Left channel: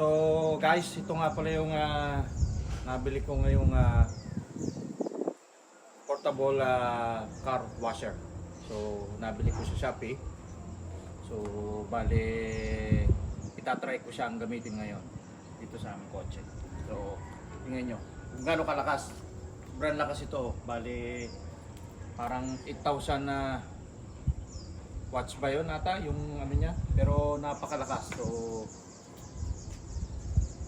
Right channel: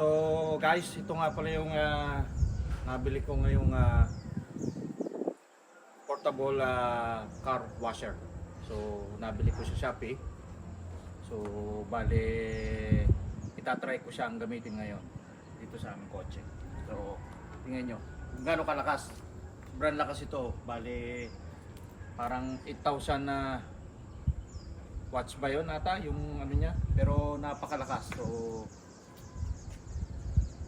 So guys, ito nga pala yung nabili ko ngayong portable car washer. So nabili ko sa Shopee. So bale itatry ko siyang gamitin ngayon dito sa aming kotse. So tingnan nyo kung gaano kalakas. Sobrang lakas ito. Bale parang 8,000 watts ba yun ata yung ano niya, pero napakalakas. So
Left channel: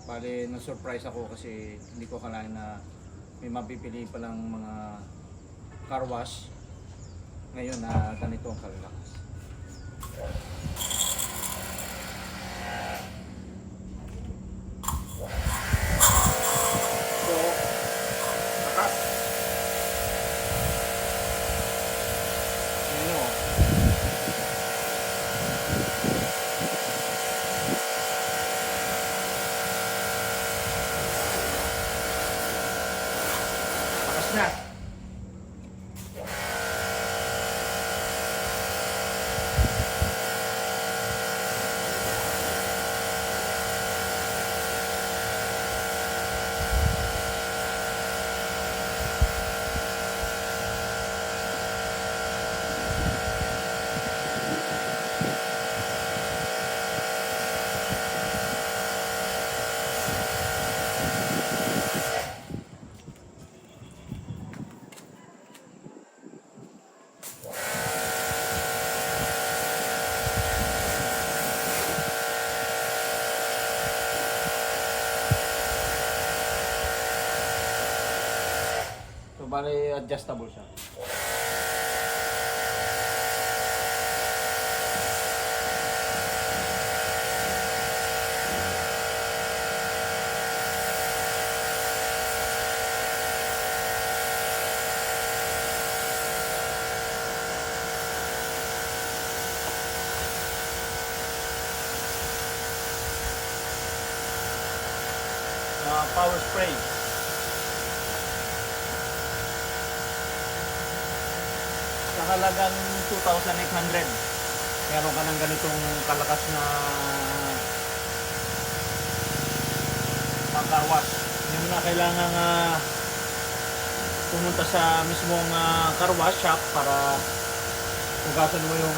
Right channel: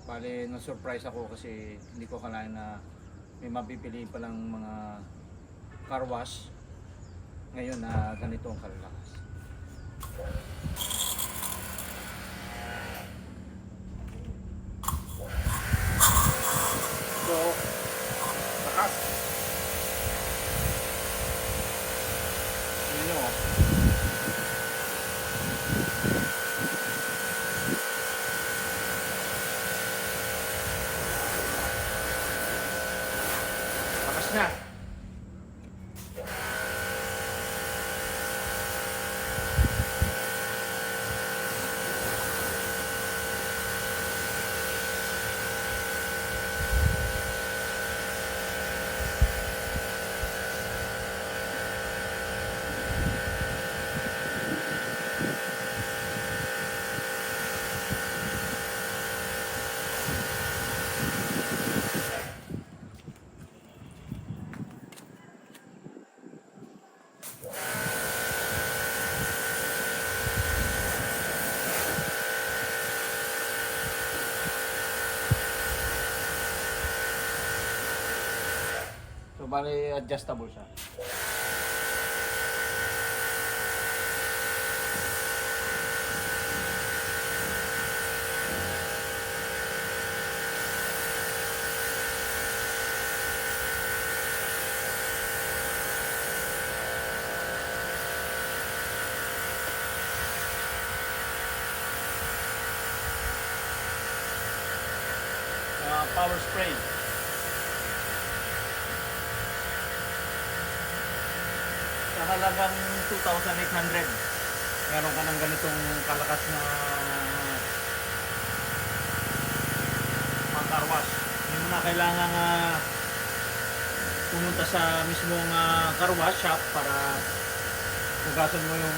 bale na-surprise ako kasi hindi ko akalain na may mapipili palang mga car wash ngayon na ganito ang kalakas. So lakas. Tingnan nyo oh. Lakas na. So bale adjustable siya. Power spray. Sa halagang 2,800 meron ka ng ganitong kalakas na pang car wash. Hindi mo na kailangan pumunta sa mismong car wash shop para hugasan mo yung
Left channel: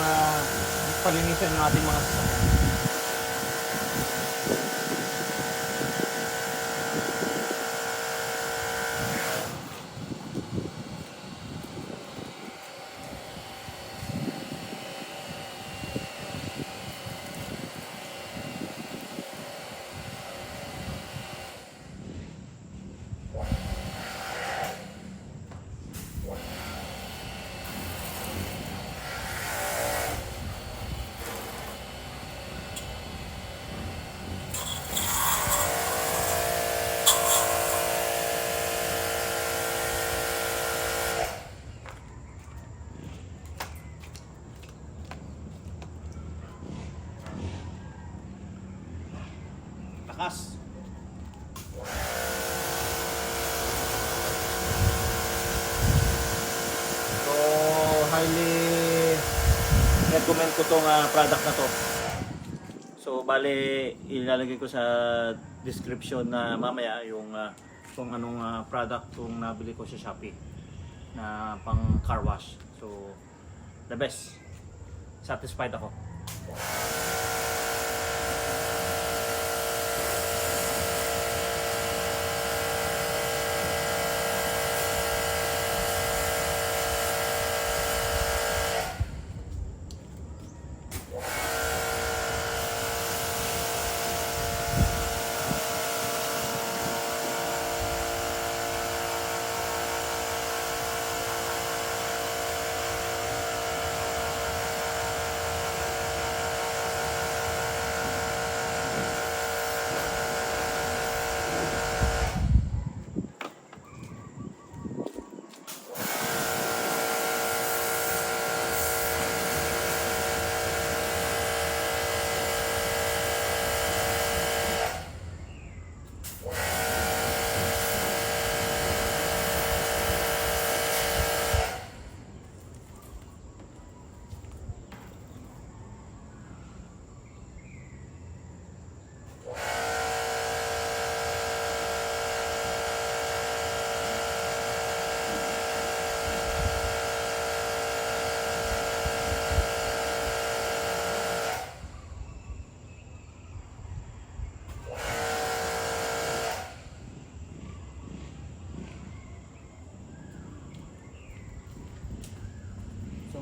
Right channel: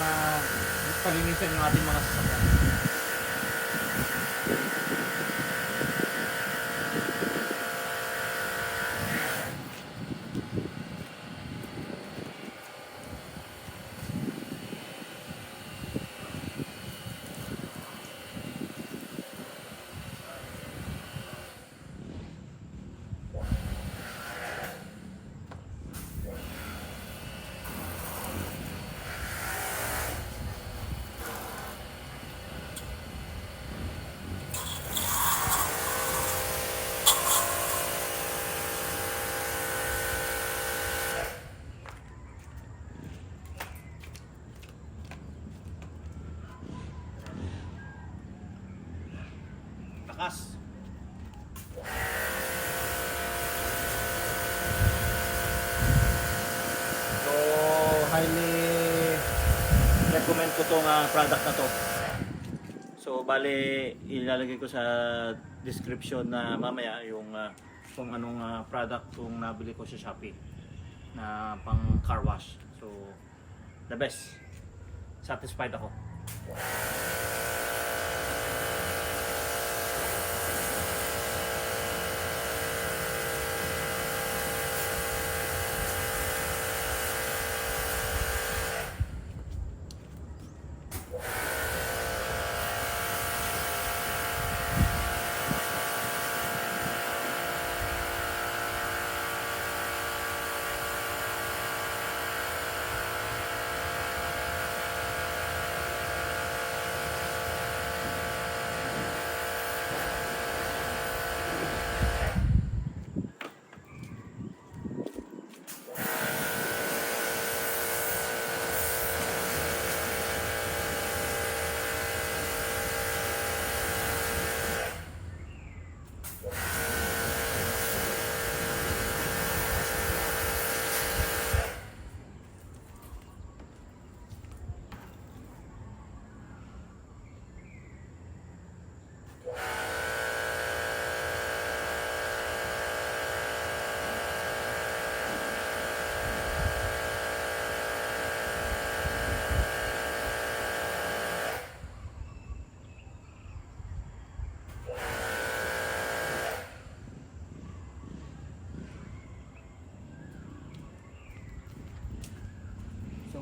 palinisan yung ating mga sasakyan. Lakas. So highly recommend ko tong product na to. So bale ilalagay ko sa description na mamaya yung kung anong product tong nabili ko sa Shopee na pang car wash. So the best. Satisfied ako.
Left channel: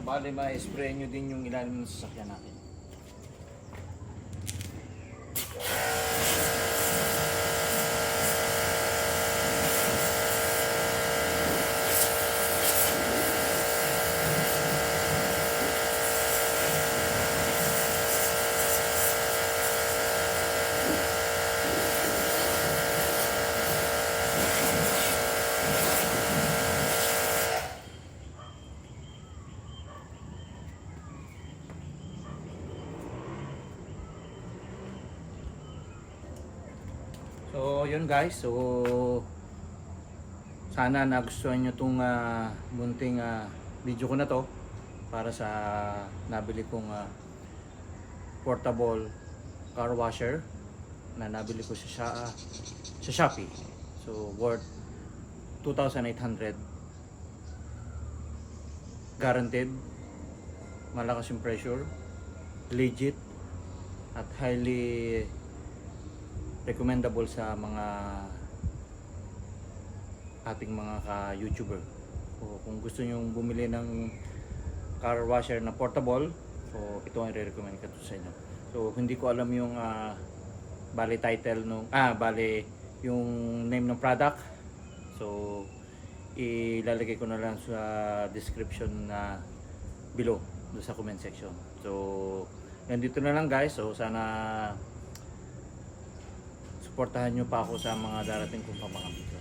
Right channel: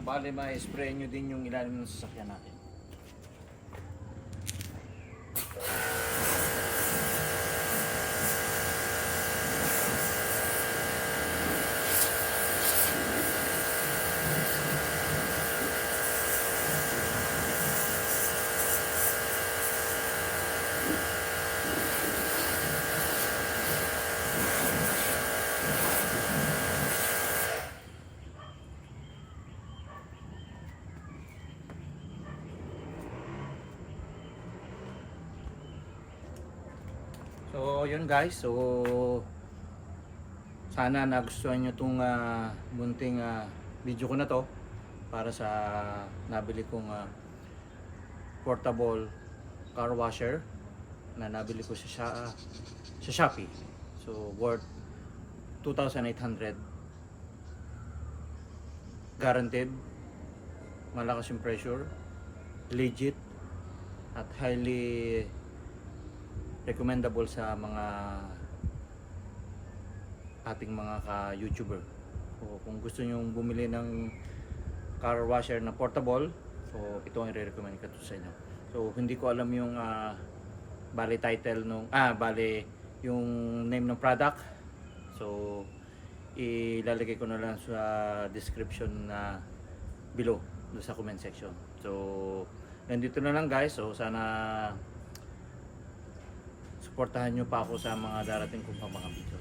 bali ma-spray nyo din yung ilalim ng sasakyan natin. So yun guys, so sana nagustuhan nyo itong munting video ko na to para sa nabili kong portable car washer na nabili ko sa Shopee. So worth 2,800, guaranteed, malakas yung pressure, legit at highly recommendable sa mga ating mga ka-YouTuber. So, kung gusto nyo bumili ng car washer na portable, so ito ang i-recommend ko sa inyo. So hindi ko alam yung bali title nung bali yung name ng product. So ilalagay ko na lang sa description na below do sa comment section. So nandito na lang guys. So sana suportahan nyo pa ako sa mga darating kong mga videos.